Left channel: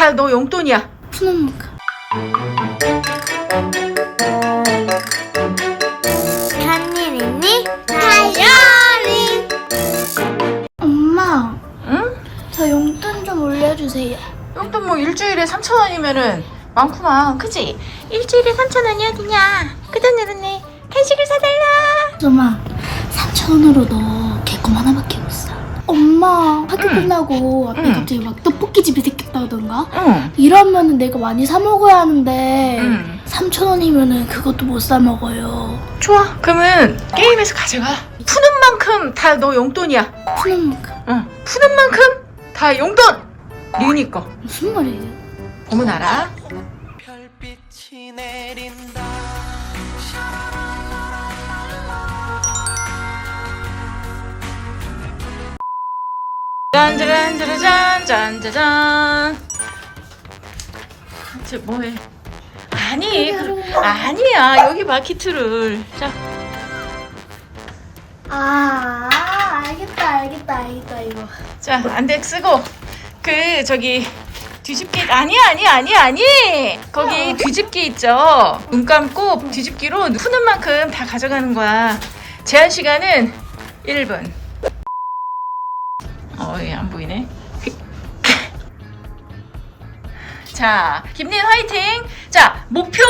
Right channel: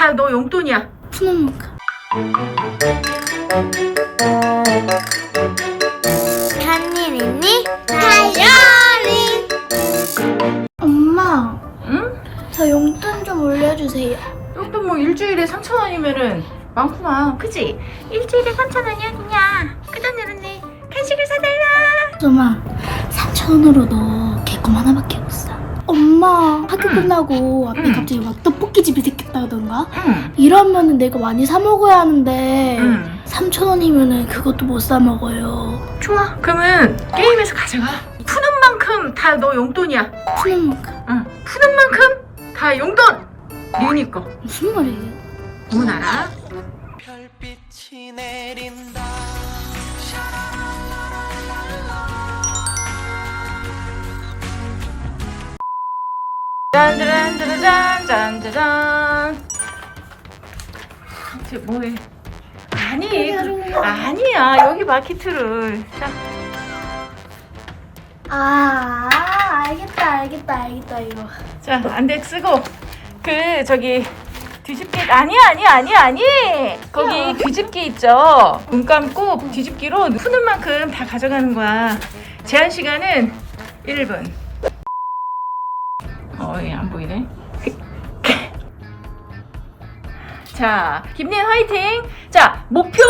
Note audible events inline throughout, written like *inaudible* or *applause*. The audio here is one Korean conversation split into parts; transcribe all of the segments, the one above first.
다 너 용돈이야. 푸는 만큼. 한일 있니? 다이어리 엄마, 응? 저 용돈 좀 올려주세요. 용돈 뭐 일주일에 3천 원이면은 많구만. 그지? 일주일에 3천 원이 어디냐? 그 돈으로네. 간식을 사달라. 엄마, 4천 원으로 너 개껌 하나밖에 못 사. 엄마, 학교 응. 끝나고 앞에 응. 갑자기 막 떡볶이 집이 생 겼다던가? 응. 이러면은 내가 많이 사 먹어야 하는데 응. 3천 원이면은 그것도 못 사 먹어요. 좋아. 그러면 게임에서 가져가. 푸는 만큼 다 너 용돈이야. 푸는 만큼. 응. 푸는 만큼 다 용돈. 리은이 거. 무슨 말이에요? 알아. 별빛이 내린다 짠짜란짜라짠 짠짜잔. 쟤 뭐해? 아니, 그, 아니야. 여기 마키트를. 자, 아, 알겠다, 알겠다, 알겠다, 이거. 자, 안덱 쓰고 그 저기 뒤집기 아니야, 아니야, 아니야, 아니. 거기 뒤집기 있죠. 눈 감고 뒤집기로 푸는 만큼 다 가져가는 거야. 제한 시간은 1분. 어, 얘안 보이네. 자, 김린 화이팅. 자, 목표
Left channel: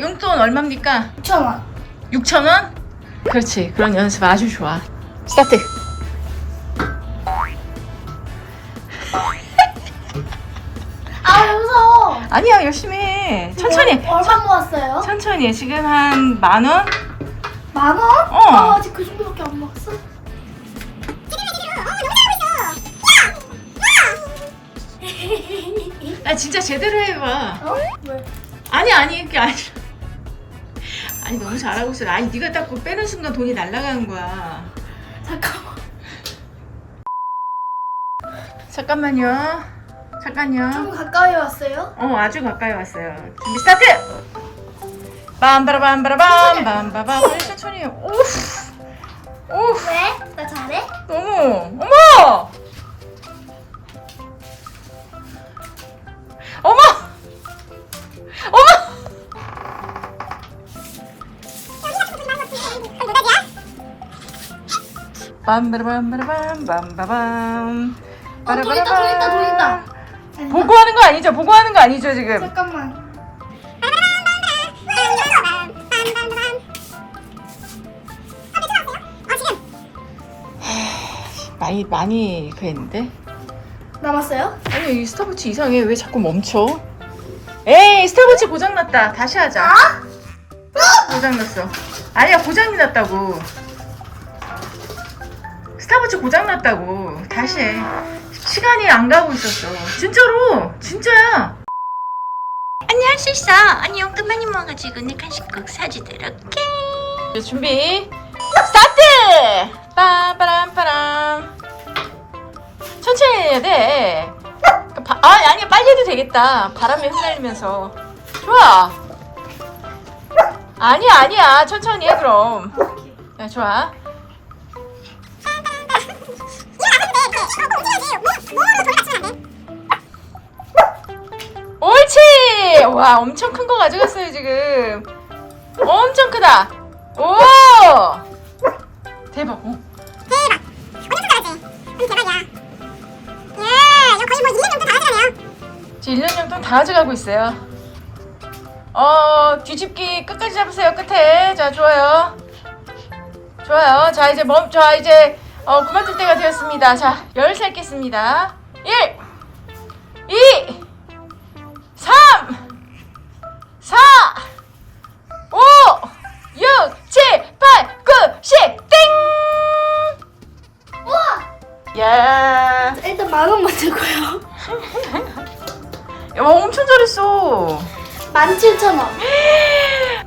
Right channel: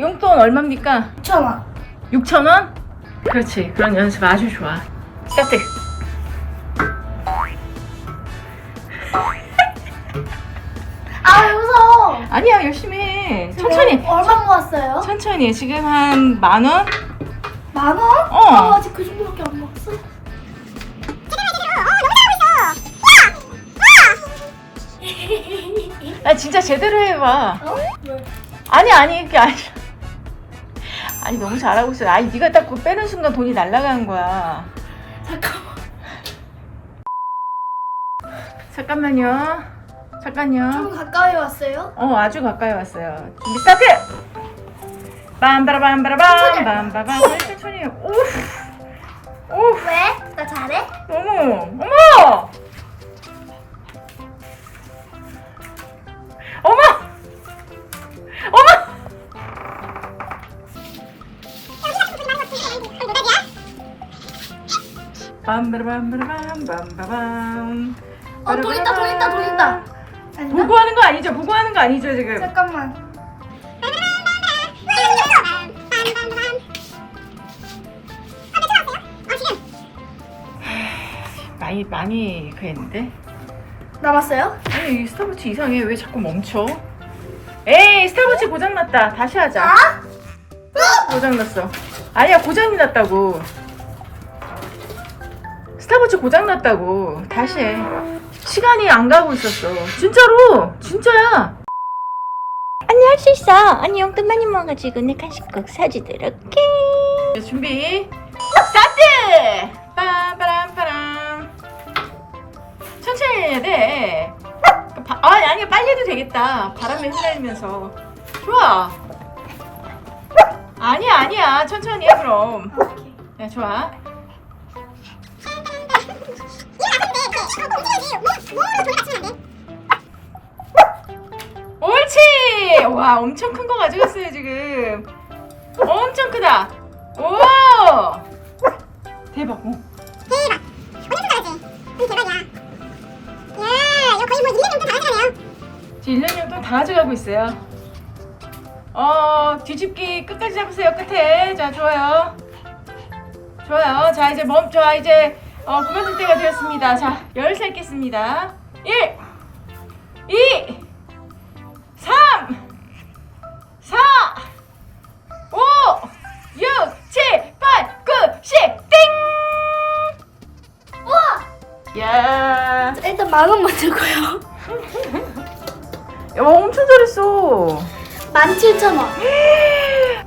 용돈 얼마입니까? 6천 원. 6천 원? 그렇지. 그런 연습 아주 좋아. 스타트. *laughs* 아, 왜 무서워. 아니야, 열심히 해. 천천히. 얼마 모았어요? 천천히. 지금 한 만 원? 만 원? 어. 아, 아직 그 정도밖에 안 모았어. 아, 진짜 제대로 해봐. 어? 왜? 아니, 아니, 그게 아니라. 아니, 너무 잘하고 있어. 아니, 네가 딱 그거 빼는 순간 돈이 날아가는 거야. 잠깐만. 잠깐만요. 잠깐요. 좀 가까이 왔어요? 어, 아주 가까이 왔어요. 준비 스타트! 빰바라밤바라밤, 빰바밤. 천천히. 오우. 오우. 왜? 나 잘해? 어머! 어머! 빰바라밤바라밤, 빰바밤. 어, 돈 있다, 돈 있다, 돈 있다. 보고하는 거 아니죠? 보고하는 거 아니죠, 지금? 잠깐만. 많이, 많이 그랬는데? 남았어요? 아니, 이 스타벅스 이상해. 왜 자꾸 멈춰? 에이, 스타벅스 고장났다. 다시 하자. 아? 고장났어. 아니야, 고장이 났다고. 스타벅스 고장났다고. 다시 해. 시간이 안 가고 있었어. 진짜로. 진짜야. 언니 할 수 있어 언니 용돈 많이 모아가지고 내 간식 꼭 사주도록 해 자, 준비. 스타트! 빠바람빠람. 천천히 해야 돼. 바, 아, 아니, 빨리 해도 되겠다. 바람에 흩날리면서. 좋아. 아니야, 아니야. 천천히 해, 그럼. 야, 좋아. 옳지! 와, 엄청 큰 거 가져갔어요, 지금. 엄청 크다. 오! 대박. 어. 지 금 1년 용돈 다 가져가고 있어요. 어, 뒤집기 끝까지 잡으세요, 끝에. 자, 좋아요. 좋아요. 자, 이제 멈, 자, 이제, 어, 그만둘 때가 되었습니다. 자, 열 셀겠습니다. 1, 2, 3, 잘했어. 17,000원.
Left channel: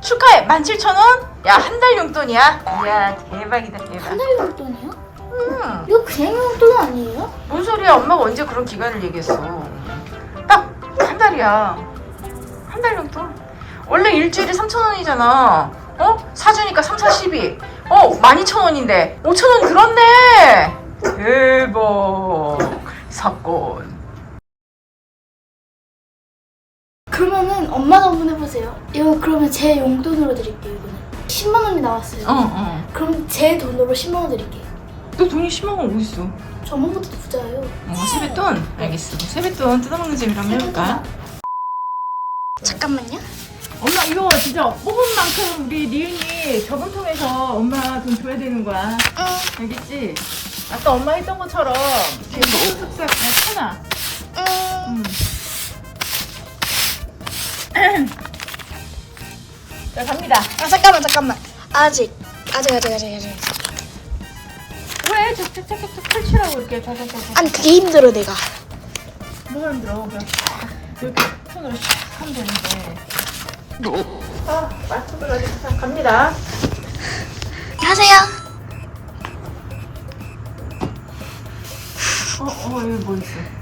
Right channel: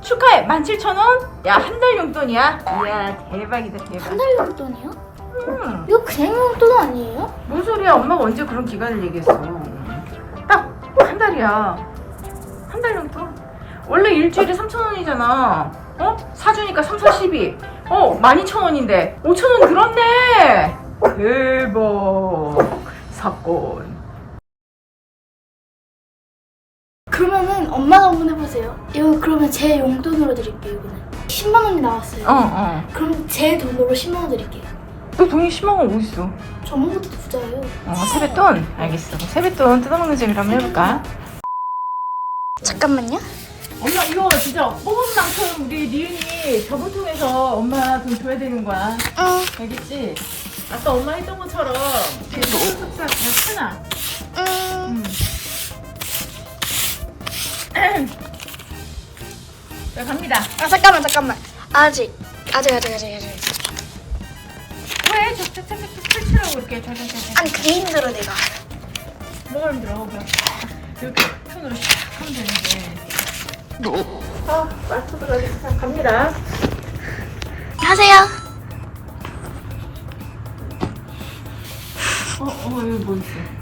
*gasps* 축하해. 17,000원? 야, 한 달 용돈이야. 이야, 대박이다, 대박. 한달 용돈이요? 음, 이거 그냥 용돈 아니에요? 뭔 소리야? 엄마가 언제 그런 기간을 얘기했어? 딱 한 달이야. 한 달 용돈? 원래 일주일에 3,000원이잖아. 어? 사주니까 3, 4, 12. 어, 12,000원인데 5,000원 들었네. 대박. 사건. 그러면은 엄마가 한번 해보세요. 이거 그러면 제 용돈으로 드릴게요. 이거는 10만 원이 나왔어요. 어 어 그럼 제 돈으로 10만 원 드릴게요. 너 돈이 10만 원 어딨어? 저번부터 부자예요. 어 세뱃돈? 알겠어 세뱃돈 뜯어먹는 재미로 한번 해볼까? 잠깐만요. 엄마 이거 진짜 뽑은 만큼 우리 리은이 저번 통해서 엄마 돈 줘야 되는 거야 응. 알겠지? 아까 엄마 했던 것처럼 지금 쓱쓱쓱 어, 하나 응. 음. 자 갑니다 아 잠깐만 잠깐만. 아직 아직 아직 아직 아직. 왜 착착착착 펼치라고 이렇게 자자자자 아니 그게 힘들어 내가. 뭐가 힘들어 그냥 이렇게 손으로 샥 하면 되는데 아 마스크도 가지고 자 갑니다 하세요. 어, 어, 여기 뭐 있어?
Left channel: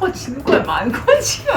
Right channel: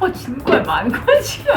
어, 지는 거야, 많은 거야, 지금.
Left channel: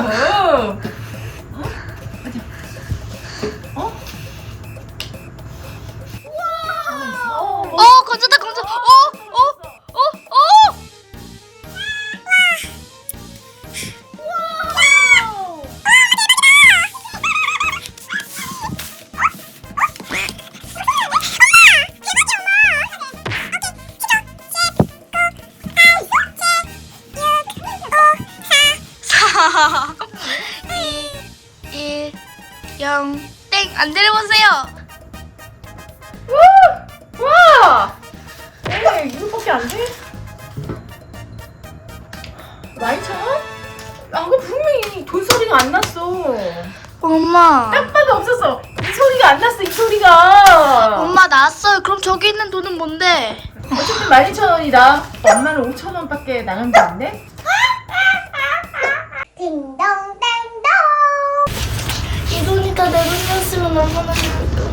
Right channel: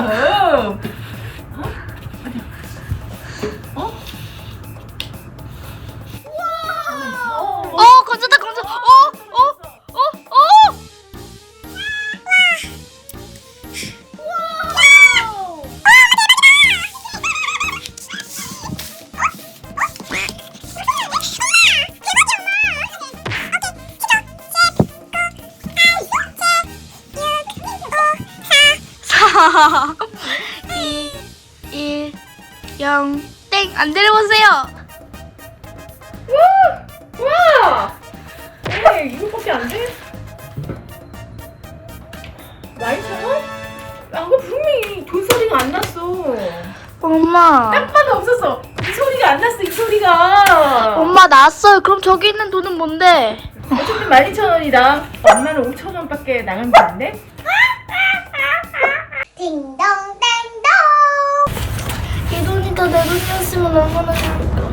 2, 1, 0, 땡! 안 내려보세요! 와! 와! 에이, 이거밖에 안 돼? 12,000원? 아까 분명히 돈 소리가 안 났어. 엄마. 딱 봐도 없었어. 이 소리가 안 났어, 이 소리가. 엄마 나왔어요. 그럼 저기 있는 돈은 뭔데? 어쨌든 12,000원이다. 엄마는 5,000원밖에 나간 게 안 돼? 얼마나 좋을까.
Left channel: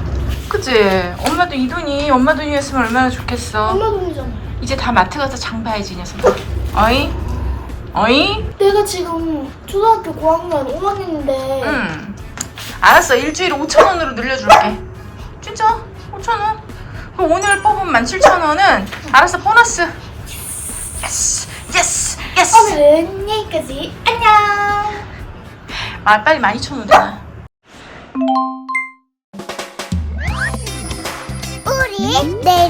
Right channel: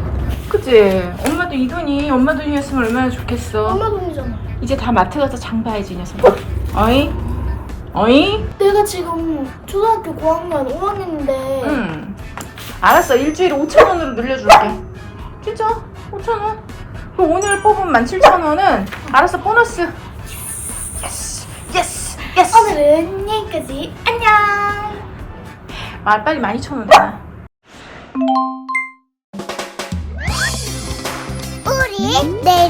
그치? 엄마도 이 돈이 엄마 돈이었으면 얼마나 좋겠어. 엄마 돈이잖아. 이제 다 마트 가서 장 봐야지, 이 녀석아. 어이? 어이? 내가 지금 초등학교 고학년 5학년인데 응. 알았어. 일주일에 5,000원으로 늘려줄게. 진짜? 5,000원? 그럼 오늘 뽑은 17,000원은 알았어. 보너스. 예스! 예스! 예스! 오늘은 여기까지. 안녕. 아, 빨리 12,000원 내놔.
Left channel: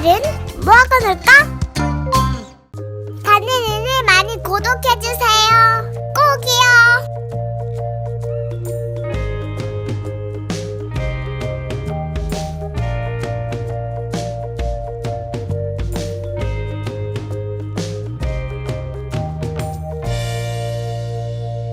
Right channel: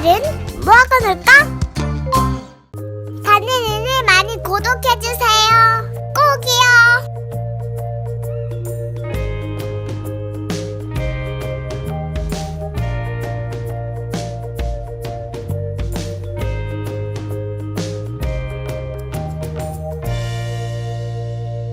내일은 뭐 하고 놀까?